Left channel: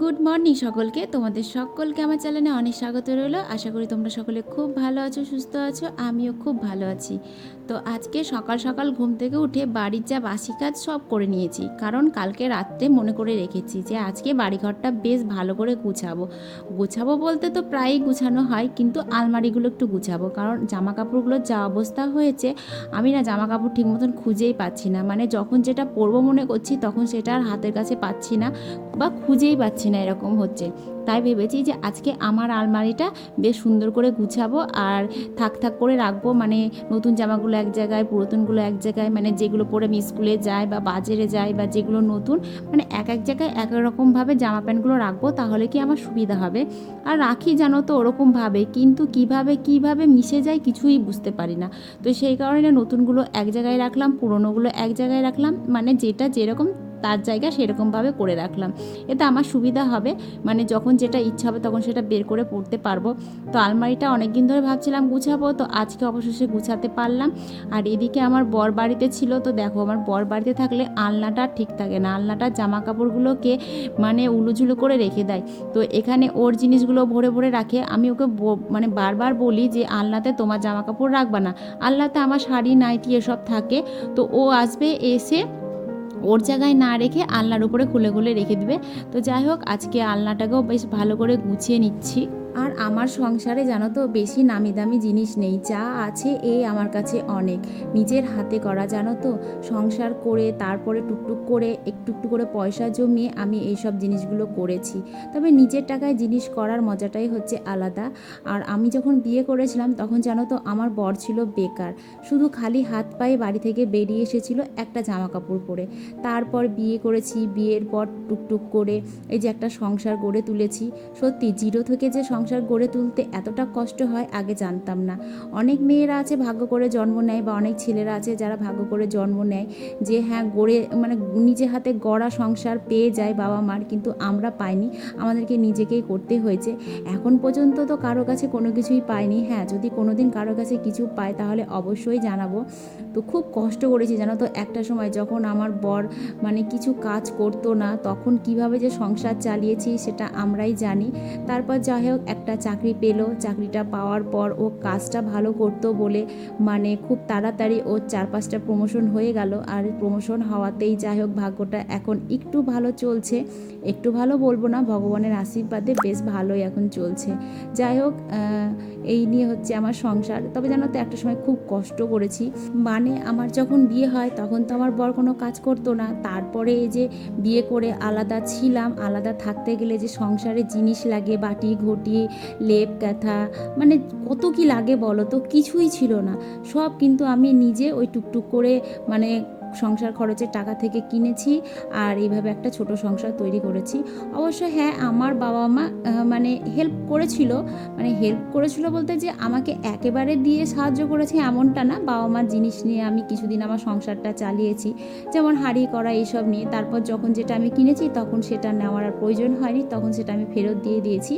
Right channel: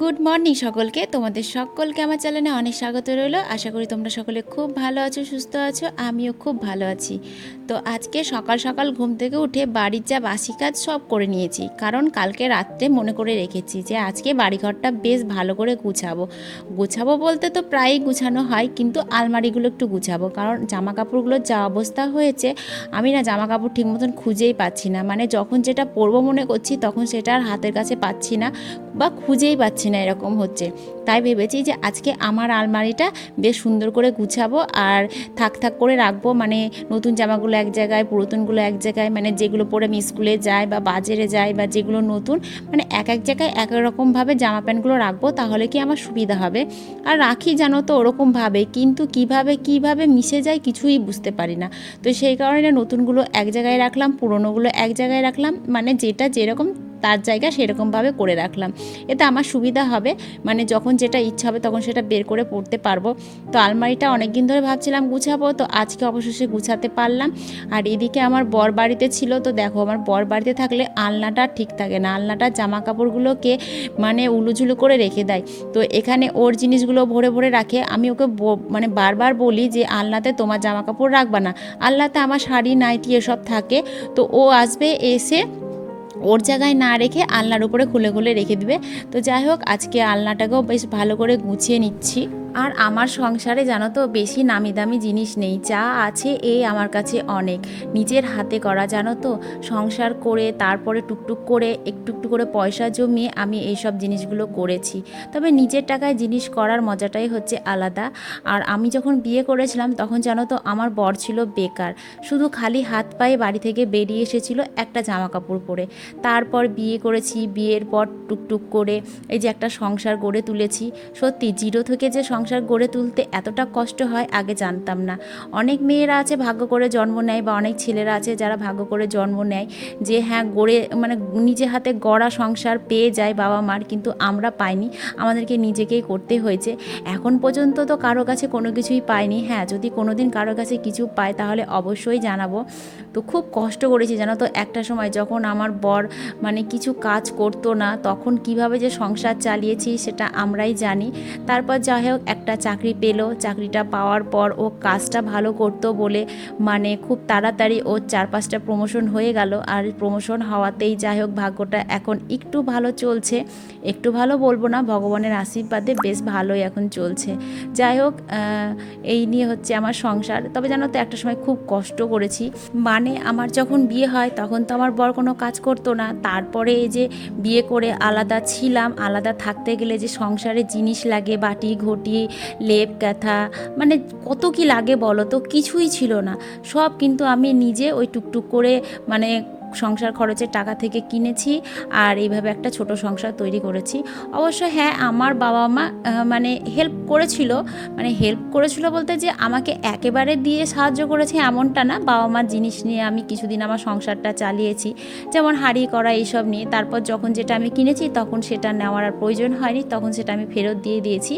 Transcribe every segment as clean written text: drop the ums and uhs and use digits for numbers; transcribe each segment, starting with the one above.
Good morning সকলকে, তোমাদের সকলকে আমার চ্যানেলে অনেক স্বাগত রইল। আশা করি তোমরা সকলে খুব ভালো আছো, সুস্থ আছো, আমিও খুব ভালো আছি। তো আজকে সকাল সকাল ঘুম থেকে উঠে বাড়ির যা বাসি কাজ সব করে নিয়েছি, কারণ কালকে রাত্রে মনে করে রেখেছি যে আজকে বাড়িঘরটা বেশ ভালো করে গুছাবো। গুছাবো বলতে তো প্রায়ই গুছানো হয়, কিন্তু আলমারিগুলো একটু গুছাবো, কারণ জামা কাপড়গুলোর যা অবস্থা হয়েছে, আমি না জামা কাপড় ঠিক মতন খুঁজেই পাচ্ছি না। মানে যখন যেটা পরবো মনে করছি তখন সেটা আর হাতের কাছে পাচ্ছি না, বা খুঁজেই পাচ্ছি না, এরকম হচ্ছে। তাই ভেবেছি যে আজকে আমার আলমারিটা বেশ সুন্দর করে গুছাবো আর থাক থাক করে রাখবো। মানে নতুন জামাগুলো এক জায়গায়, পুরাতনগুলো এক জায়গায়, মানে যেগুলো পরে আমি স্কুলে যাই বা বাজারে যাই, বা যেগুলো নতুন, মানে এক এক জায়গায় এক এক রকমভাবে জামা প্যান্টগুলো রাখবো, তাহলে কি আমার সুবিধা হবে। আর রাখি জানো তো ওরকমভাবে, কিন্তু কিভাবে মিশে যায় কিছুই বুঝতে পারি না। তো সেই কারণে নতুনগুলো এক জায়গায় রাখলাম, পুরনোগুলো এক জায়গায় রাখলাম, মানে যেটা যেরকম তার জায়গা সেরকমভাবে করে রাখলাম। এতে আমার সুবিধা হবে, মানে যখন যেটা ইচ্ছা হবে তখন সেটা বের করে পড়তে পারবো। তো আলমারিটা অনেক দিন ধরে ভাবছিলাম গুছাবো, তো আজকে অবশেষে গুছাতে পারলাম। আর এদিকে আমার বর বাড়িতে ছিল, তো দেখো আমার বর বাড়িতে থাকলে আলনাটা ঠিক থাকে না, আলনাটা জামা কাপড়গুলোকে মানে উলুঝুলু করে রেখে দেয়। তো এখানে ওর জিনিসগুলো ভরে ভরে রাখে। আমি ওকে মানে বারবার বলি যে আলনাতে তোমার জামা কাপড় রাখবা না, আলনাতে আমার শাড়ি নাইটি এসব থাকে। তো ও আসবে, এসে ওর জায়গায় না রেখে আলনার উপরে খুলে খুলে রেখে দিবে। তো যাই হোক, আজকে আলনাটাকেও বেশ ভালো করে গুছিয়ে নিচ্ছি। আর আমার সংসারে জানো তো বেশি নামি দামি জিনিস নেই, যা আছে এই আমার কাছে অনেক নিজের হাতে করা, জানো তো। সংসার করে তারপরে টুকটুক করে একটু একটু করে পয়সা জমিয়ে আমি এই সব জিনিসগুলো করেছি। তবে নিজের টাকায় জিনিস করার মজাটাই হচ্ছে আলাদা। আর আমি যখন বিয়ে করেছিলাম তখন জানো তো আমার বর ছিল বেকার, শুধু খালি হাত পায়ে বাড়ি থেকে বেরিয়ে এসেছিল একটা জামা কাপড় পরে। তারপর বিয়ে করেছি, বিয়ের পর টুকটুক করে এই যে একটা সংসার গড়ে তুলেছি। সত্যি জিরো থেকে যে সংসার গড়ে তুলতে এতটা কষ্ট হয় আগে জানতাম না। অনেক মেয়েরা আছে ভাগ্য করে জন্ম নেয়, বা অনেক ছেলেরা আছে যারা ভাগ্য করে জন্ম নেয়, যে হ্যাঁ গড়ে মানে নিজে হাতে গড়া সংসার পেয়ে যায় বাবা মার, কিন্তু আমরা পাইনি, আমাদেরকে নিজেকেই করতে হয়েছে। এখন পর্যন্ত তো কারো কাছে কোনো কিছুই পাইনি। হ্যাঁ, যদি কোনো দিন কারো কাছে কিছু পাই তাহলে অবশ্যই জানাবো। তো খুব কষ্ট করেছি জানো তো। একটা সময় যখন আমার বর মানে কিছু কাজ করতো না, তখন কিভাবে যে সংসার চালিয়েছি সেটা আমরাই জানি। তারপর যাই হোক একটা চাকরি পেলো, চাকরিটা পাওয়ার পর ও কাজটা ভালো করতো বলে মানে খুব তাড়াতাড়ি ওর 4-5টা প্রমোশন হয়ে গেল। আর প্রমোশন হওয়াতেই যাই হোক ভাগ্যটা এখন একটু ভালো চলছে। একটু ভালো বলবো না, ভগবানের আশীর্বাদে বেশ ভালোই এখন চলছে। যাই হোক, এই নিয়ে হচ্ছে আমার সংসার। তবে জানো তো একটা সময় খুব কষ্ট করেছি। মানে আমার যখন বিয়ে হয় তখন তো আমার বর কোনো কাজ করতো না। তারপরে এই যে বিয়ে করে আলাদা ছিলাম, আলাদা থাকতে গেলে যে সংসারে জিনিস লাগে, বাটি ঘটি, লেপ কাঁথা, মানে কত কি লাগে বলো তো, কিছুই ছিল না। সব কিন্তু আমি নিজে ওই টুকটুক করে মানে সংসার খরচের টাকা থেকে কিনেছি, আর এইভাবে একটা ছোট সংসার তৈরি করেছি। অবশ্য হ্যাঁ, আমার বাবা মা মানে হেল্প করেছিল। মানে হেল্প করেছিল বলতে যে আমাকে একেবারে দিয়ে সাহায্য করেছে এমনটা না। বাবা মার জিনিস নিয়ে আমি কিছুদিন আমার সংসারটা চালিয়েছি, যেমন হাঁড়ি করা এইসব নিয়ে। তারপর যখন যেটা আমি কিনেছি তখন সেটা নেওয়ার আর প্রয়োজন হয়নি, তখন সেটা আমি ফেরত দিয়ে দিয়েছি।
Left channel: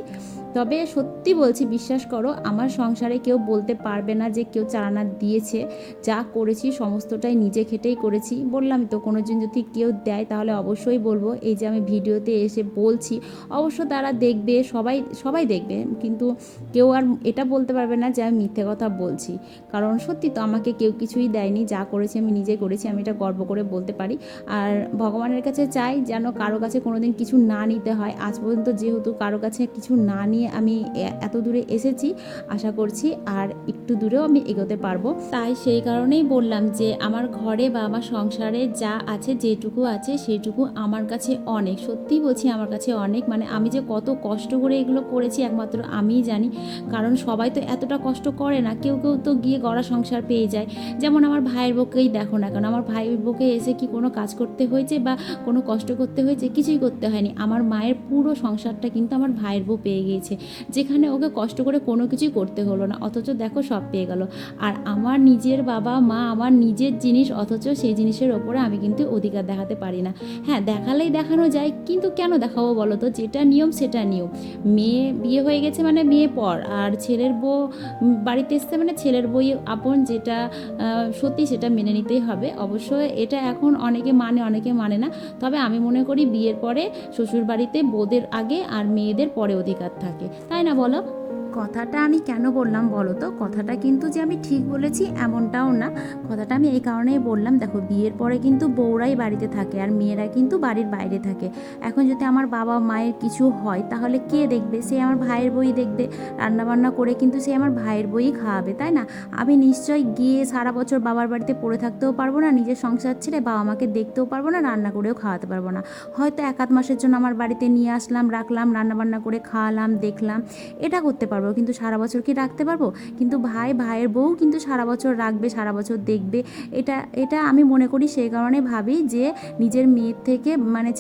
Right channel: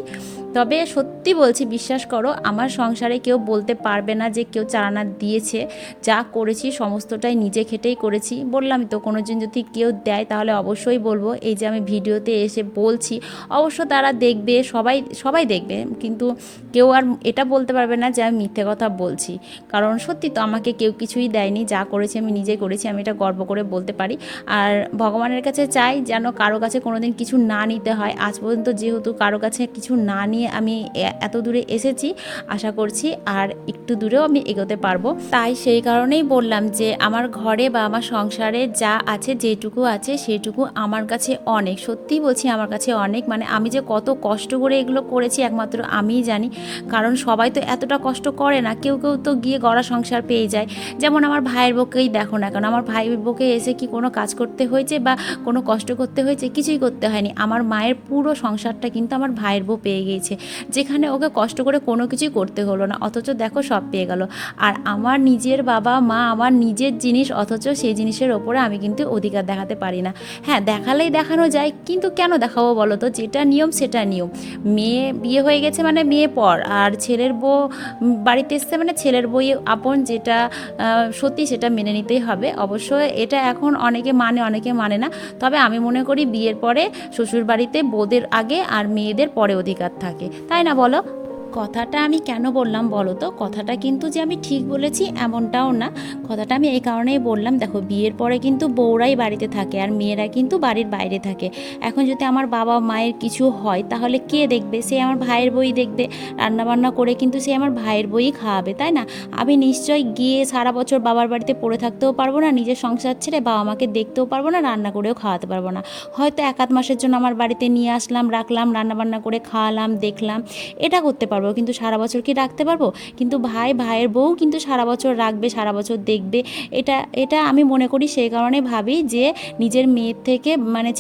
তবে সত্যি বলছি, বিশ্বাস করো, আমার সংসারে কেউ বলতে পারবে না যে কেউ চালানা দিয়েছে। যা করেছি সমস্তটাই নিজে খেটেই করেছি। বললাম তো, কোনো দিন যদি কেউ দেয় তাহলে অবশ্যই বলবো। এই যে আমি ভিডিওতে এসে বলছি, অবশ্য তারা দেখবে, সবাই সবাই দেখবে, কিন্তু কেউ আর এটা বলতে পারবে না যে আমি মিথ্যে কথা বলছি। কারণ সত্যি তো আমাকে কেউ কিছুই দেয়নি, যা করেছি আমি নিজে করেছি, আমি এটা গর্ব করে বলতে পারি। আর ভগবানের কাছে চাই যেন কারো কাছে কোনো দিন কিছু না নিতে হয়। আজ পর্যন্ত যেহেতু কারো কাছে কিছু না নিয়ে আমি এত দূরে এসেছি, আশা করছি আর একটু দূরেও আমি এগোতে পারবো। তাই সেই কারণেই বললাম যে আমার ঘরে বা আমার সংসারে যা আছে, যেটুকু আছে সেটুকু আমার কাছে অনেক। সত্যিই বলছি, আমার কাছে অনেক। মানে আমি যে কত কষ্ট করে এগুলো করেছি একমাত্র আমিই জানি, কারণ সবাই তো এতটা কষ্ট করে না। কেউ কেউ তো গিয়ে গড়া সংসার পেয়ে যায়। যেমন আমার ভাইয়ের বউকেই দেখো না কেন, আমার ভাইয়ের বউকে এসে কি কোনো কাজ করতে হয়েছে বা কোনো কষ্ট করতে হয়েছে? কিছুই করতে হয়নি। আমার মায়ের পুরো সংসারটা কিন্তু আমার ভাইয়ের বউ পেয়ে গিয়েছে। দিয়েছে, যেখানে ওকে কষ্ট করে কোনো কিছুই করতে হলো না, অথচ দেখো সব পেয়ে গেল। আর আমার নিজের বাবা মা, আমার নিজের জিনিস, অথচ সেই জিনিসের ওপরে আমি কিন্তু অধিকার দেখাতে পারি না। হ্যাঁ, দেখালেই দেখানো যায়, কিন্তু কেন দেখাবো বলো তো? যেটা নিয়ম সেটা নিয়ম। মেয়ে বিয়ে হয়ে গেছে মানে মেয়ে পর, আর ছেলের বউ বাড়িতে এসছে মানে ছেলের বই আপন, যেটা সত্যি সেটা মেনে নিতেই হবে। অবশ্য এটা এখন অনেকে মানে অনেকে মানে না, তবে আমি মনে করি বিয়ের পরে শ্বশুর বাড়িতে বউদের আগে আর মেয়েদের পরে অধিকার থাকে, তাই না বলো? কথাটা আমি কেন বললাম বলো তো? কথাটা কিন্তু যে আমি ঠিক বলেছি এমনটাও না। কথাটা আমি এই কারণেই বললাম, দেখো বিয়ের পরে কিন্তু বউরাই বাড়িতে থাকে আর মেয়েরা কিন্তু বাড়ির বাইরে থাকে। এখন যদি আমার বাবা মায়ের কিছু হয় তাহলে কে দেখবে? সে আমার ভাইয়ের বই দেখবে। রান্নাবান্না করে কিন্তু সে আমার ভাইয়ের বই খাওয়াবে, তাই না? আমি নিশ্চয়ই গিয়ে সারা বছর বাবার বাড়িতে পড়ে থাকতেও পারবো না, নিজের সংসার ছেড়ে বাবা মাকে দেখতেও পারবো না, রান্না করেও খাওয়াতে পারবো না। হয়তো এক আধ মাসের জন্য আমার বাড়িতে নিয়ে আসলাম, রাখলাম, রান্নাবান্না করে খাওয়ালাম, দেখলাম, এটা করতে পারবো, কিন্তু সারা বছর কি রাখতে পারবো? কিন্তু ভাইয়ের বউ কিন্তু সারা বছর রাখবে, সারা বছর দেখবে। এটা এটা আমি মনে করি, সেই কারণে ভাবি যে নিজের মেয়ের থেকে মানে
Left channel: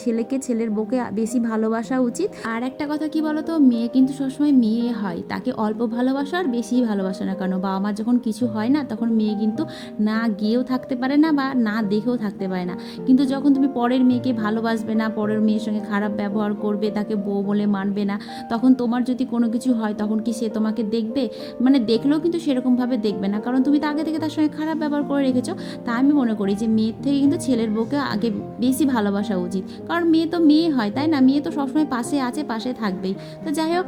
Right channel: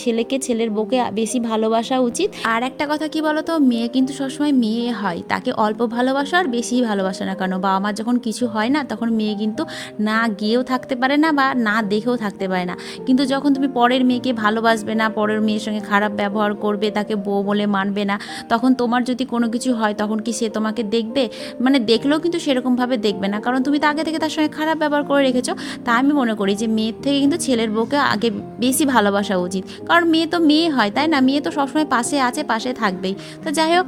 ছেলের বউকে বেশি ভালোবাসা উচিত। আর একটা কথা কি বলো তো, মেয়ে কিন্তু সবসময় মেয়ে হয়, তাকে অল্প ভালোবাসা আর বেশি ভালোবাসা না কেন, বাবা মার যখন কিছু হয় না তখন মেয়ে কিন্তু না গিয়েও থাকতে পারে না বা না দেখেও থাকতে পারে না। কিন্তু যখন তুমি পরের মেয়েকে ভালোবাসবে না, পরের মেয়ের সঙ্গে খারাপ ব্যবহার করবে, তাকে বউ বলে মানবে না, তখন তোমার যদি কোনো কিছু হয় তখন কি সে তোমাকে দেখবে? মানে দেখলেও কিন্তু সেরকমভাবে দেখবে না, কারণ তুমি তো আগে থেকে তার সঙ্গে খারাপ ব্যবহার করে রেখেছো। তাই আমি মনে করি যে মেয়ের থেকে কিন্তু ছেলের বউকে আগে বেশি ভালোবাসা উচিত, কারণ মেয়ে তো মেয়ে হয়, তাই না? মেয়ে তো সবসময় পাশে আছে, পাশে থাকবেই। তো যাই হোক,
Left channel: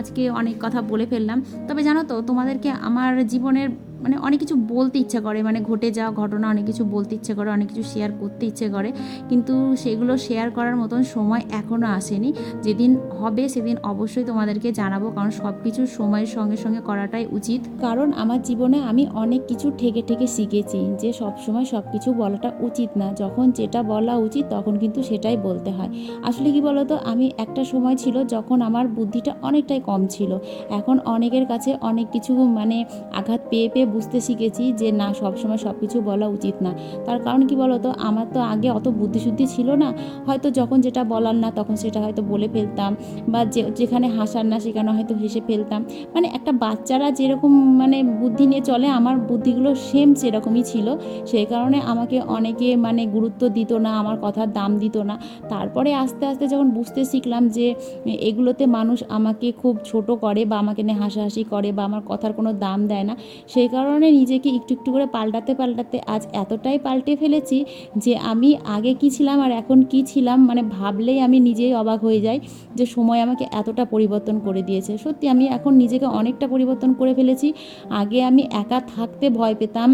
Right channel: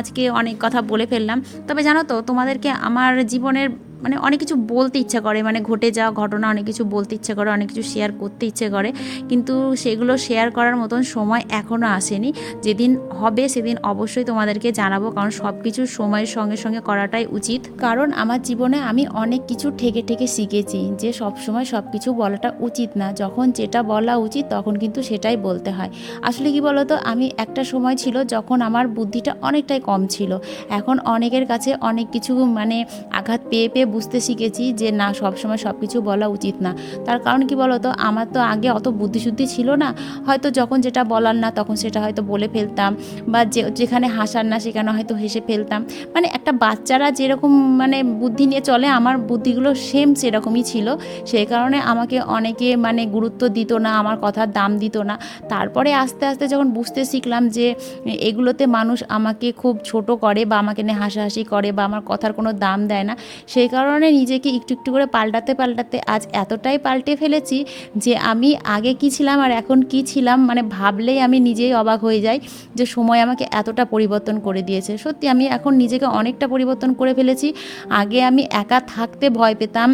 আজকে অনেক কথা বলে ফেললাম। তবে জানো তো, তোমাদেরকে আমার জীবনের মানে অনেক কিছু বলতে ইচ্ছা করে, মানে ঘটে যাওয়া ঘটনা অনেক কিছু বলতে ইচ্ছে করে, অনেক কিছু শেয়ার করতে ইচ্ছে করে, কিন্তু সেগুলো শেয়ার করার মতন সময় এখনও আসেনি। যেদিন হবে সেদিন অবশ্যই তোমাদেরকে জানাবো, কারণ সব কিছু সময়ের সঙ্গে সঙ্গে করাটাই উচিত। কারণ আমার জীবনে আমি অনেক কিছু ঠেকে ঠেকে শিখেছি যে সব সময় সব কিছু বলাটা উচিত না, যখন যেটা বলা উচিত তখন কিন্তু সেটাই বলতে হয়। আসলে কি বলো তো, আমি একটা সময় ছিল যখন আমার বুদ্ধিটা অনেকটাই কম ছিল। এখন অনেকের কাছে অনেক কিছু মানে আঘাত পেয়ে পেয়ে বুঝতে শিখেছি যে না, সবসময় সব কিছু বলা উচিত না। তার কারণ কি বলো তো, আমার তো আগে অত বুদ্ধিশুদ্ধি ছিল না, হয়তো যখন যেটা বলার না তখন সেটা হয়তো বলে ফেলতাম, বা যেখানে হাসার না সেখানে হয়তো হেসে ফেলতাম। মানে একটা বাচ্চারা যেরকম মানে বুদ্ধি নিয়ে চলে, আমার বুদ্ধিগুলো সেম সেরকমই ছিল। সেই কারণে আমাকে অনেকে মানে গুরুত্ব দিত না, আমার কথার দাম দিত না। তারপরে আস্তে আস্তে যখন বুঝতে শিখলাম যে এগুলোতে মানুষ আমাকে খুব ছোট করে বা আমাকে নিয়ে হাসাহাসি করে বা আমার কথার কোনো দাম দেয় না, সেই কারণে নিজেকে একটু একটু করে পাল্টাতে পাল্টাতে আজ এতটাই পাল্টে ফেলেছি যে আমি আগে কী ছিলাম আর এখন কী ছিলাম, মানে ভাবলেই আমি নিজেই অবাক হয়ে যাই যে সময় আমাকে এতটা পরিবর্তন করে দিয়েছে। সত্যি আমি এখন নিজেকে অনেকটা পরিবর্তন করে ফেলেছি। আগে আমি একা থাকতে ভয় পেতাম,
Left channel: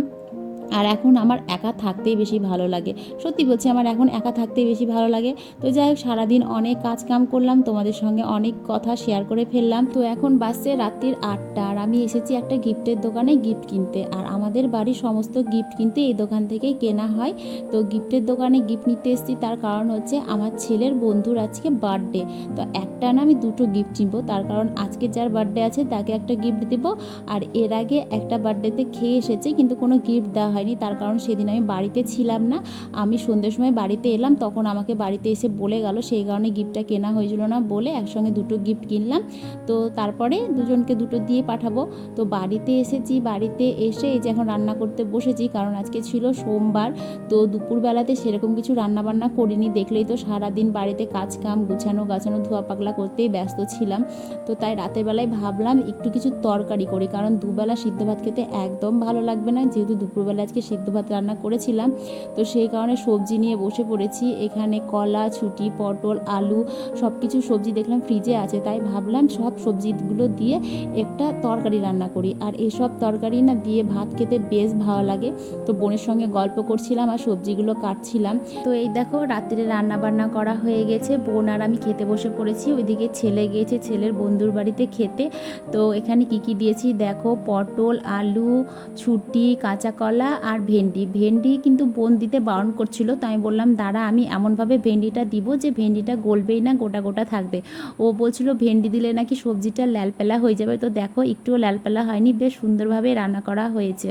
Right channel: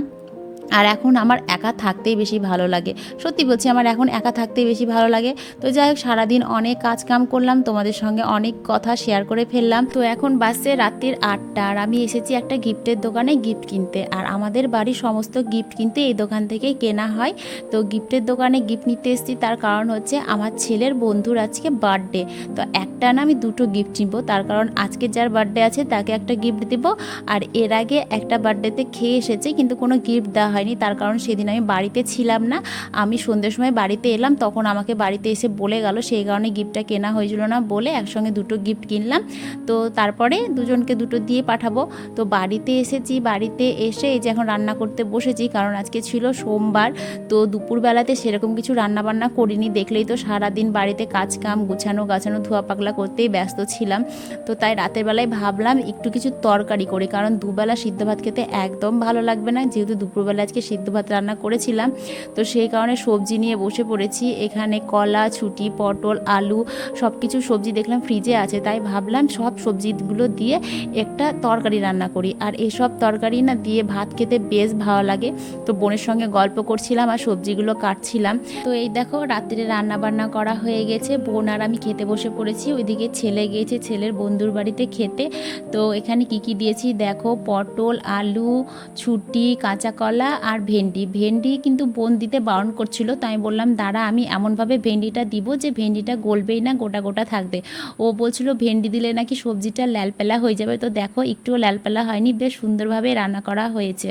আর এখন আমার একা থাকতেই বেশি ভালো লাগে। সত্যি বলছি, আমার এখন একা থাকতেই বেশি ভালো লাগে। তো যাই হোক, সারাদিন অনেক কাজ কাম করলাম, তোমাদের সঙ্গে অনেক কথা শেয়ার করে ফেললাম। তো এখন বাজছে রাত্রির 8টা, আর আমি এসেছি একটা গিফটের দোকানে গিফট কিনতে। আর আমাদের বাড়ির সমস্ত গিফট কিন্তু এই দোকান থেকেই কেনা হয়। তো গিফটের দোকানে গিফট নিতে এসেছি, তার কারণ হচ্ছে আমার ছেলের বন্ধুর আজকে বার্থডে। তো একটা না, আমি দুটো গিফট নিবো, তার কারণ আজকে যার বার্থডে আছে তাকে একটা গিফট দেবো, আর এর আগে একটা বার্থডেতে খেয়ে এসেছে কিন্তু কোনো গিফট দেওয়া হয়নি, তার কারণ সেদিন আমি বাড়িতে ছিলাম না। আমি সন্ধ্যের সময় বাড়িতে এলাম, তখন আমাকে বাড়িতে এসে বলে গেল, সেই কারণে গিফটটা কেনা হয়েছিল না বলে একসঙ্গে দুটো গিফট কিনলাম। তো তারপরে দুজনকে দুটো দিয়ে পাঠাবো। তো বাড়িতে এসেছি, বাড়িতে এসে এই যে এখন রান্না করতে বসেছি, কারণ আজকে ছিল সোমবার। তো দুপুরবেলাতে সেরকম কিছু রান্না বান্না করিনি, দেখলেই তো সারাদিন বাড়িতে কাজ কাম গুছানো গাছানো ধোয়া পাকলা করতেই ব্যস্ত ছিলাম। তো তাই রাতের বেলায় ভাবলাম একটু কিছু তরকারি করি, কারণ দুবেলা সিদ্ধ ভাত খেতে একদম ভালো লাগবে না, যেহেতু দুপুরবেলা আজকে সিদ্ধ ভাত রান্না করেছিলাম। তো সেই কারণে সবজি নিয়ে বসে পড়েছি। এখানে কলা, ছুটি, পটল, আলু সব কিছু সবজি দেখলাম ফ্রিজে আছে, তাই ভাবলাম সব সবজিগুলো দিয়ে একটা তরকারি রান্না করি। আর এসব তরকারি না দিয়ে ভাত খেতে বেশ ভালো লাগে। তো বোনের সঙ্গে গল্প করছিলাম আর সবজিগুলো কাটছিলাম। তো এই দেখো, রাত্রে রান্না বান্না করা হয়ে গেছে, বোন আর আমি খেতে বসে পড়েছি। ওইদিকে ছেলে গিয়েছে ছেলের বন্ধুর বাড়িতে খেতে। তো এখানে কি কি দিয়েছি দেখো, পটল, আলু, ছুটি, কাঁচা কলা আর ভেন্ডি কিন্তু বোন দিতে বারণ করছিল, তো আমি বললাম দাঁড়া, আমি এমনভাবে ভেন্ডিটা দিব যে ভেন্ডিটা গলবেই না, গোটা গোটা থাকবে। ও বলছিল ভেন্ডি দিলে নাকি সবজিটা ল্যালপেলা হয়ে যাবে। তো দেখো, একটুও ল্যালপেলা হয়নি, বেশ সুন্দরভাবে রান্না করা হয়েছে।